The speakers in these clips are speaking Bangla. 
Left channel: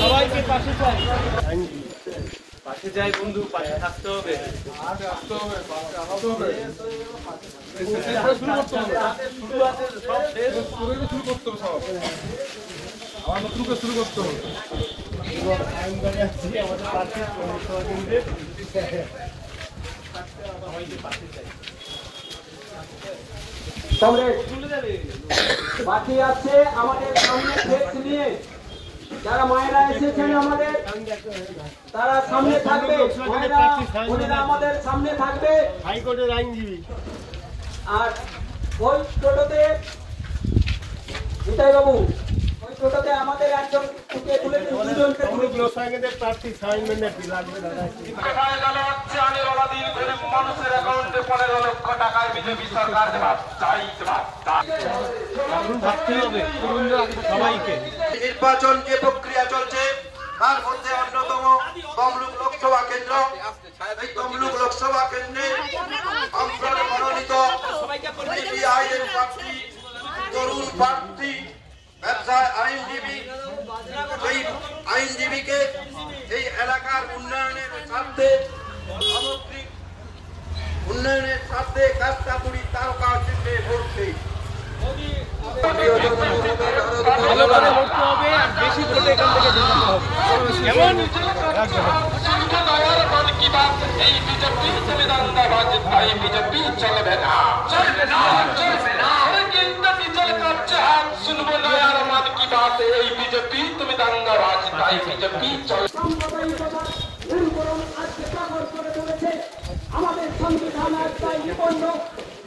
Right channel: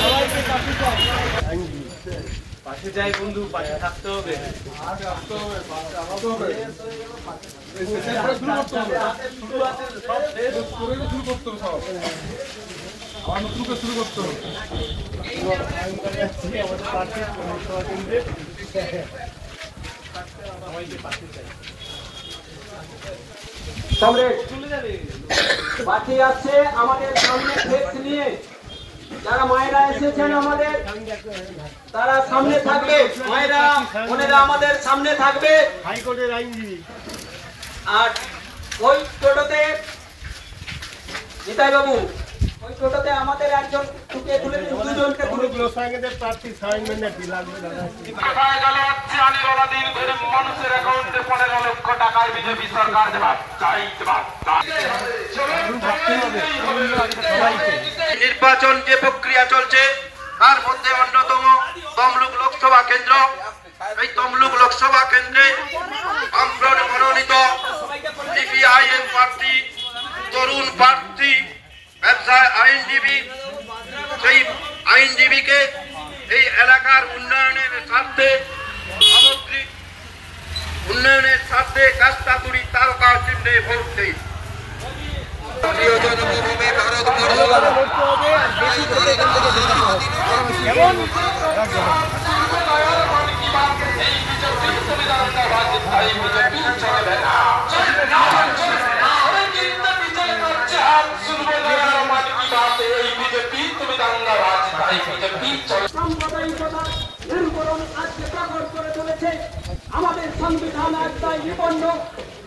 সবাইকে পাশে যাই বন্ধু, পাশে থাকতে হবে। শুরু করতে হবে। আমাদের পাশে সভা কেন্দ্রে সবাইকে পাশে চাই। বাকি আছে আমাদের সামনে ফ্লেক্স নিয়ে যারা মায়েরা এসেছেন আমাদের, তারা সামনে থাকবে। মায়েরা বোনেরা আমাদের সামনে থাকবে। হাইকোর্টের আইনজীবী আর ওই টোটোতে নিতাই বাবু, ওই টোটোতে আমাদের একজন তুলে দুজনকে প্রার্থী লাগবে দাদা। নির্বাচন যে প্রক্রিয়া চলছে তার মধ্যে অন্যতম তমলুক লোকসভা কেন্দ্র। এই তমলুক লোকসভা কেন্দ্রে মনোনীত সিপিআইএম প্রার্থী, তরুণ প্রার্থী, ব্যবসায় আইনজীবী, সেই আইনজীবীকে এই এলাকার উন্নয়নের স্বার্থে, সামগ্রিক উন্নয়নের স্বার্থে কাস্তাতুরি তারকা চিহ্নে ভোট দেই। আমাদের সংবিধান একটাই নিবন্ধ,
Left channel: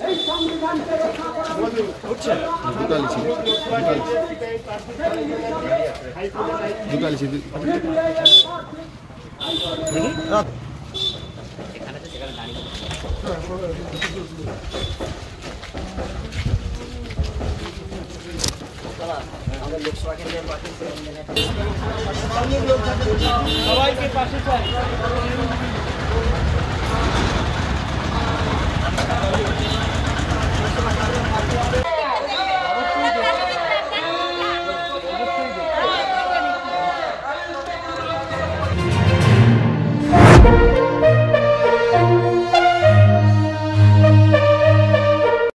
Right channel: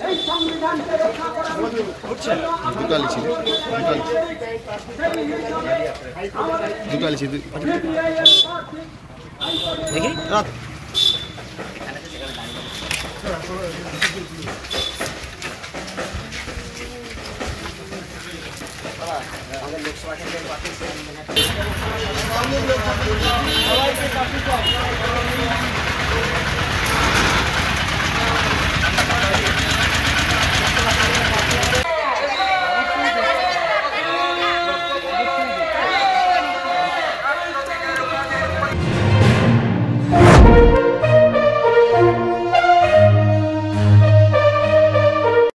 এই সংবিধানকে রক্ষা করা সবাইকে পাশে চাই।